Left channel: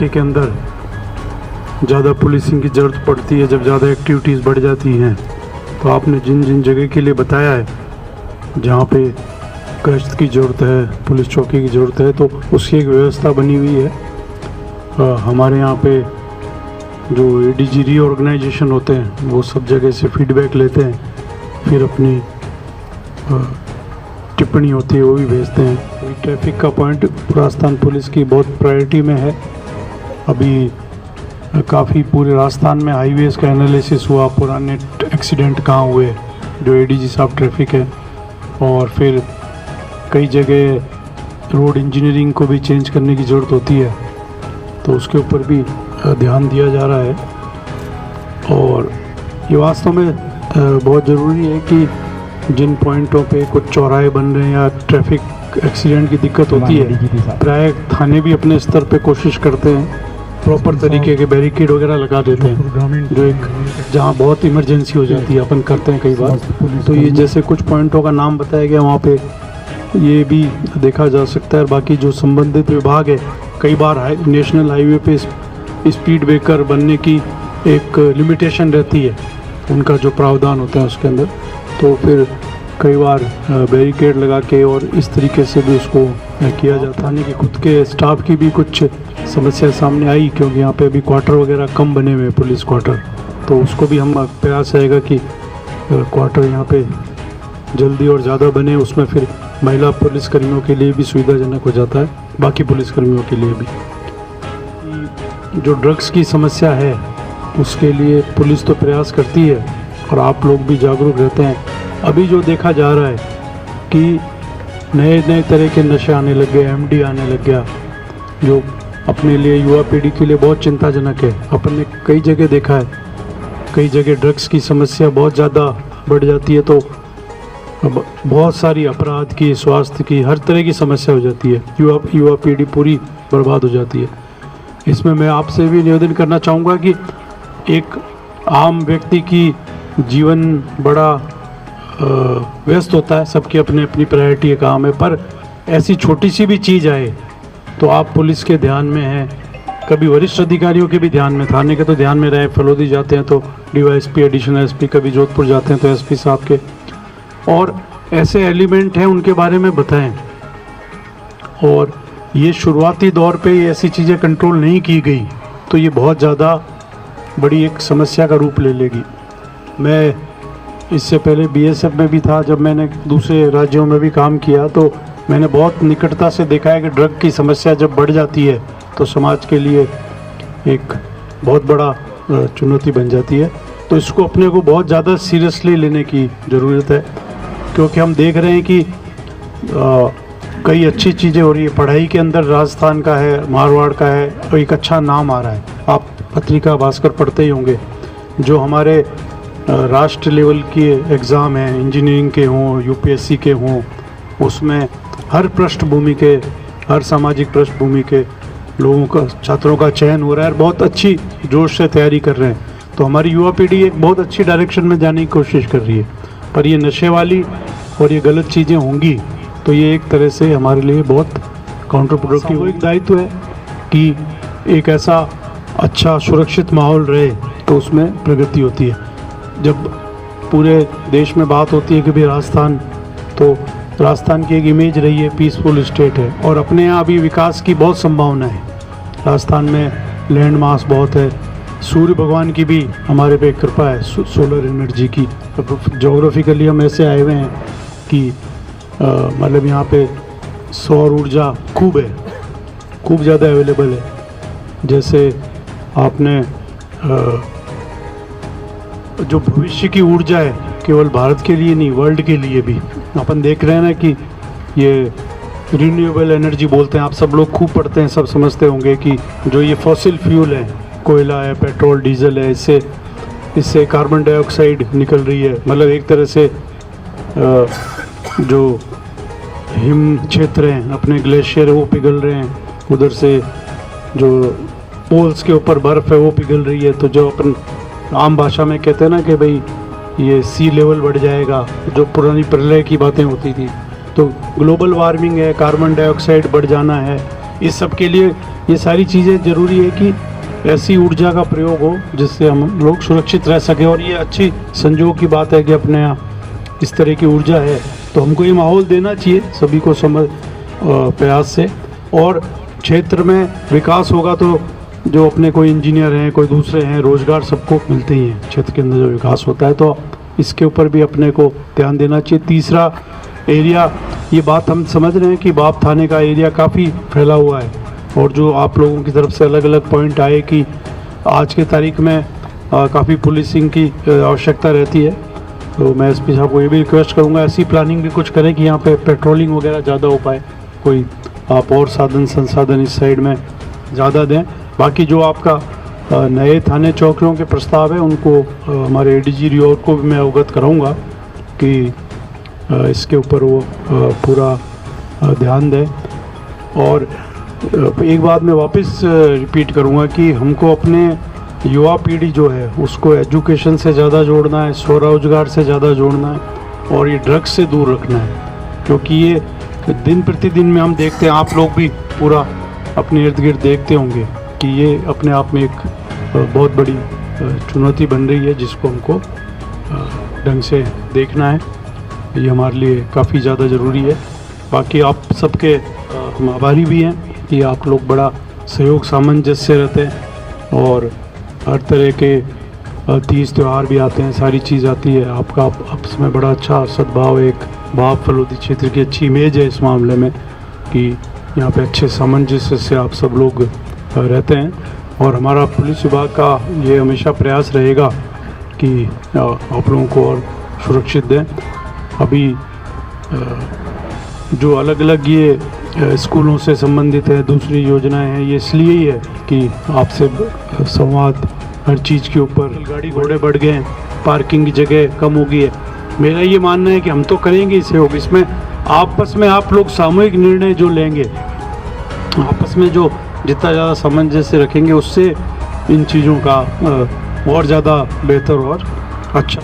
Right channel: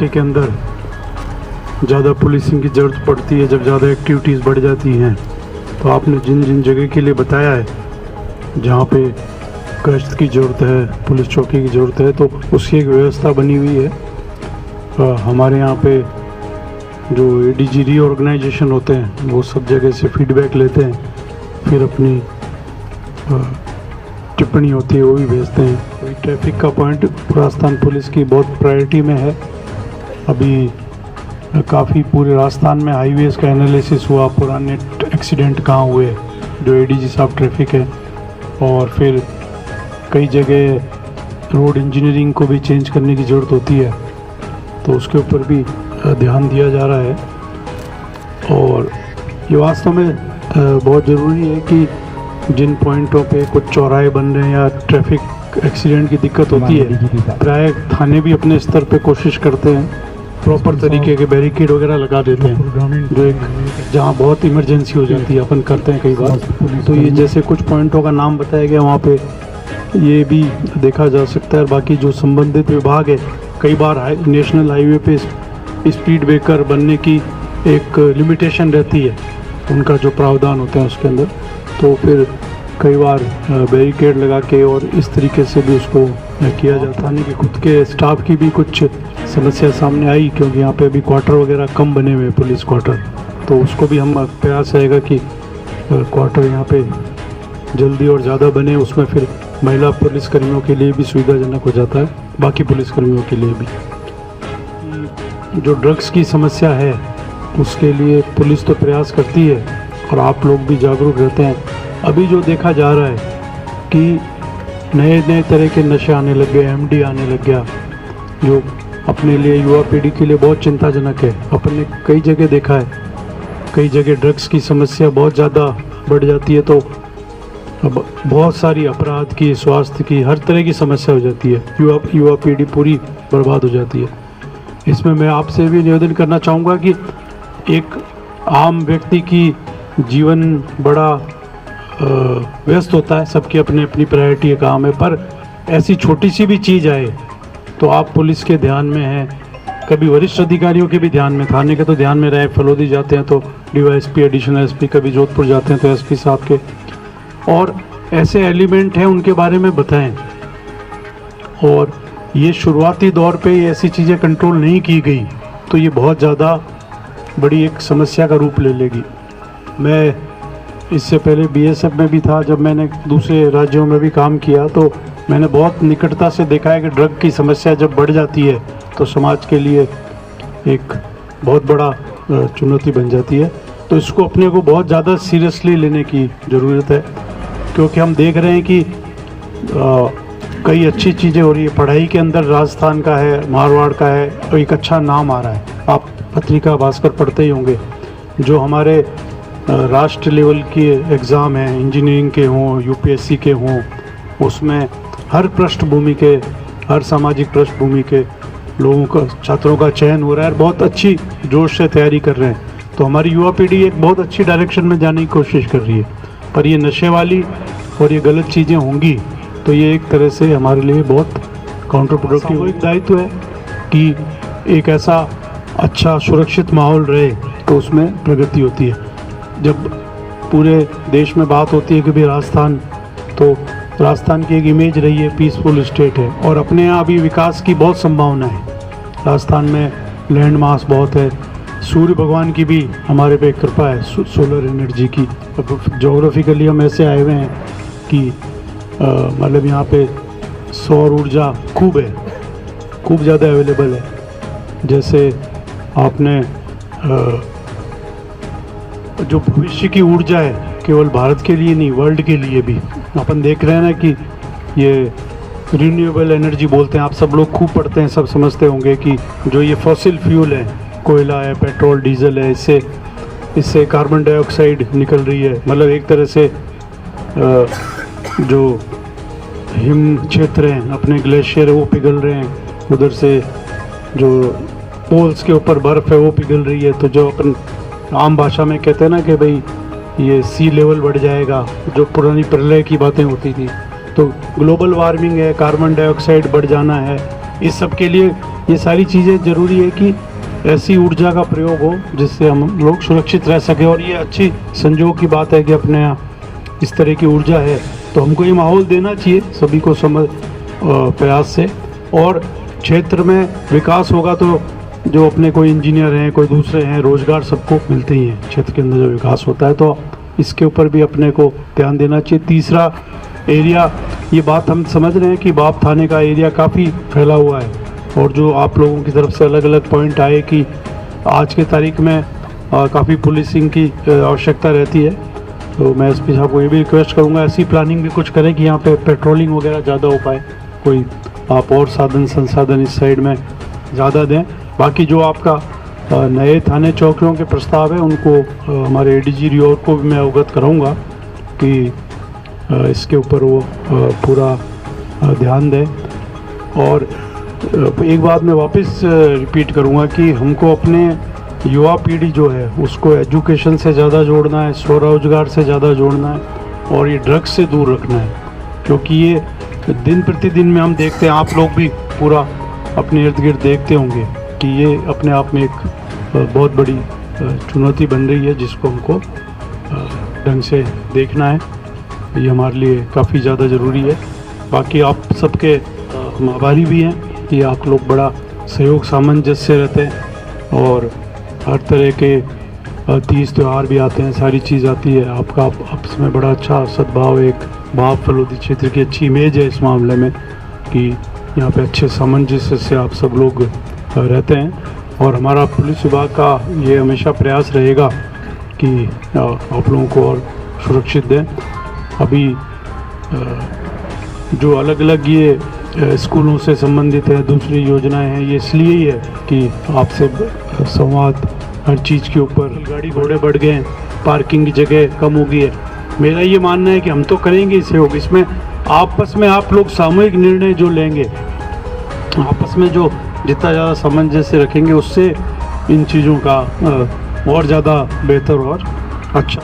इलाके के अंदर ज़्यादा पुलिसिंग की ज़रूरत पड़ती है, जब ज़्यादा एक्टिविटीज़ बढ़ जाती हैं। तो आपने जिन जिन जगह के लिए बताया है जहाँ पे गश्त की ज़रूरत है, पुलिस चौकी की ज़रूरत है, तो उसकी एक व्यवस्था बनी हुई है। हमारे यहाँ पे जो ADG रीऑर्गेनाइजेशन होते हैं वो सब जगह से फीडबैक लेते हैं, फिर अपनी टिप्पणी होती है वो भी भेजते हैं। ट्रैफिक का पॉइंट राजस्थान पुलिस की बहुत प्रायोरिटी में है। अभी काफ़ी पूरे राजस्थान में हाईवेज़ का एनालिसिस हुआ, पुराने एक्सीडेंट कहाँ हुए, जो ADG साहब ट्रैफिक है, और फिर कई जगह रोड इंजीनियरिंग को भी चेंज करने की ज़रूरत होती है, तो उसके ऊपर भी ध्यान दिया जा रहा है। और ये वास्तव में बहुत ज़रूरी है कि जिन पॉइंटों पे कुछ चौराहे बन रहे हैं या ट्रैफिक एक्सीडेंट की दिक्कत होती है, प्राय थाने भी अपने स्तर पे कोशिश करते हैं, प्रॉपर तरीके के बैरिकेड वगैरह लगा देते हैं, जो एक जहाँ बहुत इमरजेंसी हो जाती है अपन करते हैं कई बार। तो ये जैसे कुछ पॉइंटों का नाम बताया गया, वहाँ पे ये भी देखा जा सकता है। बाकी जो संबंधित विभाग है, कई बार नेशनल हाईवे पे स्पीड ब्रेकर बनने की एक लिमिटेशन रहती है, उनका जो प्रावधान होते हैं उसके अंदर, तो फिर कई बार बैरिकेड लगा के और इस तरीके से भी उसको किया जाता है। कि खुद के स्टाफ की भी कुछ समस्या सामने आई, क्योंकि यहाँ पे अभी क्वार्टर वगैरह कम बने हुए हैं, पुलिस क्वार्टर, तो उसको भी हम प्रयास रहेगा कि क्वार्टर यहाँ पे जल्दी और ज़्यादा बने, उसमें फिर महिला पुलिसकर्मियों के लिए भी सुविधाजनक हो जाता है, बाकी पुलिसकर्मियों के लिए भी। जो ड्रग्स की समस्या है उसके लिए पुलिस तो प्रयास करती है और आप लोग भी जागरूक रहते हैं। अभी जो देखा जा रहा है कि नए नए तरह के नशे आने लग गए, MD आने लग गया, जो अपने लिए युवा पीढ़ी के लिए बहुत चिंताजनक है। अपन ने कई जगह देखा है, कई जगह ड्रग्स की समस्या बहुत ज़्यादा बढ़ जाती है, तो बहुत सारी अपराध की, स्वास्थ्य की, हर तरह की समस्या हो जाती है, युवा पीढ़ी पूरी बर्बाद हो जाती है। इसमें मैं आपसे भी निवेदन करना चाहूँगा कि एक आम व्यक्ति की जीवन बड़ा व्यस्त होता है, सबकी अपनी अपनी प्रायोरिटी है, काम है, पर ऐसी छोटी सी भी चीज़ आए तो आप पुलिस के ध्यान में हैं, कभी वरिष्ठ अधिकारियों के भी ध्यान में, थाने के तो ध्यान में रहे, फलोदी जाते हैं तो DYSP, एडिशनल SP, कभी जोधपुर जाते हैं तो SP साहब के, और ऐसे एलिमेंट हैं उनके बारे में बताएं। और ये शुरुआती दौर पे ऐसी चीज़ें कंट्रोल नहीं की गई तो ये बहुत ज़्यादा बड़ी एक समस्या का रूप ले लेगी। मैं इससे पहले BSF में भी था, जब मैंने दूसरे राज्यों में भी काम किया तो मैंने बहुत निकटता से देखा है कि ड्रग की समस्या जब बढ़ जाती है तो समाज के लिए एक बहुत बड़ा चुनौती बन जाती है। तो इसको अपने को बहुत ज़्यादा सीरियसली लेने की ज़रूरत है, क्योंकि हम देख रहे हैं कि कई अच्छी चीज़ें हो रही है। पढ़ाई के अंदर राजस्थान का है, मारवाड़ का है, तो एक अच्छा नाम आ रहा है। आप पत्रिका भास्कर पढ़ते ही होंगे, जो हमारे राष्ट्र लेवल के एग्ज़ाम हैं, इंजीनियरिंग के हों, UPSC के हों, उसमें हर पृष्ठभूमि के, हर सामाजिक पृष्ठभूमि के लोगों का, छात्रों का चयन हो रहा है, बहुत अच्छी जोश से तैयारी कर रहे हैं। तो हमारी युवा पीढ़ी एक बहुत अच्छी डायरेक्शन में जाने की कोशिश कर रही है, पर ये नशे वाली और ये गलत चीज़ें होंगी तो ये एक तरह से हमारे लिए बहुत काउंटर प्रोडक्टिव। एक दायित्व है कि एक ऐसा अच्छा सुरक्षित माहौल रहे तो उसमें प्रगति होती है। जब पूरे देश में बात होती है कि भाई राजस्थान, तो राजस्थान की एक इमेज रही है पीसफुल स्टेट है, और अपने यहाँ भी विकास की बहुत संभावना है। राजस्थान में लैंड मास बहुत है, सूर्य भगवान की भी हमारे पे कृपा है, सोलर एनर्जी की। जोग्राफिकली हम ऐसे आए हुए हैं कि मतलब यहाँ पे सौर ऊर्जा खूब है, खूब ज़्यादा अवेलेबल है। जैसे आपने जो भविष्य की ऊर्जा है, केवल भारत के लिए नहीं, वर्ल्ड के लिए भी अपन देख रहे हैं ना कि ये रिन्यूएबल एनर्जी बोलते हैं, आप सब लोग खूब पढ़ते हैं, सब समझते होंगे कि जो ये फॉसिल फ्यूल है, कोयला है, पेट्रोल, डीजल है, इससे कार्बन डाइऑक्साइड निकल रही है। मतलब एक तरह से जो हिम क्षेत्र हैं, अपने ग्लेशियर है वो पिघल रहे हैं, उधर से जो पोल्स के ऊपर बर्फ़ है वो पिघल रही है। तो जो अपन आम भाषा में कहते हैं ना कि भाई ये सी लेवल बढ़ जाएगा, जो पुरानी प्रलय की बातें होती थी, तो ग्लोबल वार्मिंग है, कार्बन डाइऑक्साइड बढ़ जाना है, इस सब के लिए ये सारी चीज़ें ज़रूरी है कि ऐसी ऊर्जा का प्रयोग हो जिससे हम लोग सुरक्षित रह सके। और ये अच्छी संजोग की बात है कि अपने यहाँ इस तरह की ऊर्जा है, तो हमको ये माहौल देना चाहिए सभी को समझ प्रयास से। और क्षेत्र में विकास होगा तो जो अपने कोई इंजीनियर हैं, कोई दूसरे हैं, रोजगार सबको मिलते ही हैं। क्षेत्र के अंदर जो विकास होता है तो इसके ऊपर भी अपने को ध्यान देना चाहिए। तीसरा एरिया, ये बात हम समझ रहे हैं कि बाप थाने का एरिया काफ़ी फैला हुआ है, और जो आप लोगों की तरफ से अलग अलग पॉइंट आए कि आज के तारीख में काफ़ी पुलिसिंग की आवश्यकता रहती है, तो मैं एसपी साहब को ये भी रिक्वेस्ट करूँगा ऐसी प्लानिंग भी कुछ करें कि यहाँ पे पेट्रोलिंग वगैरह ज़्यादा हो पाए, कोई आप और साधन संसाधन इस साइड में ज़्यादा दें। बाकी जो आपका नए थाने चौकियों के प्रस्ताव है उनको हमारे एडीजी रियोर को भी मैं अवगत कराऊंगा कि इसके ऊपर वो पूरा ध्यान दें। और एक बात मैं वापस रिपीट करूंगा कि हमको अपने युवा पीढ़ी जो है उसको एजुकेशन से ज़्यादा जोड़ना है, स्वरोजगार से ज़्यादा जोड़ना है, और ये ड्रग्स से दूर रखना है, क्योंकि ये दिन प्रतिदिन में हम देखते हैं, आप लोग भी पूरा अपने इर्द गिर्द देखते होंगे कि ये अपने आप में एक बहुत बड़ी चुनौती बन रही है जिसको हमको ढंग से देखना है। ये हमारे लिए काफ़ी ज़्यादा ज़रूरी है। बाकी आप सबके हम आभारी भी हैं कि आप लोग बड़ा सहयोग सामंजस्य रहते हैं, और हर तरह के तीज त्यौहार भी आते हैं, सारी चीज़ आती है। आपका आपस में बड़ा अच्छा सद्भाव, एक बाप फलोदी क्षेत्र की अच्छी इमेज है इस मामले में कि यहाँ पे अच्छे सामंजस्य से आप सब लोग रहते हैं। और हमारा पुलिस विभाग का ये हमेशा प्रयास रहेगा कि आप लोगों को और सुरक्षित दें। अभी जो अलग अलग ये स्कूलों से संबंधित है, दूसरी योजनाएं हैं, ये इसलिए ही है कि आपसे संवाद हर चीज़ के ऊपर, गाड़ी घोड़े बढ़ गए हैं, पार्किंग की जगह कम हो गई है। मेरा ये मानना है कि हम तो करेंगे इसे सहयोग, इसमें आपस में आप लोग सामूहिक निर्णय जो लेंगे, आपस में जो जितना ज़्यादा सामंजस्य रखेंगे उससे इन चीज़ों का और ज़्यादा बेहतर और अच्छा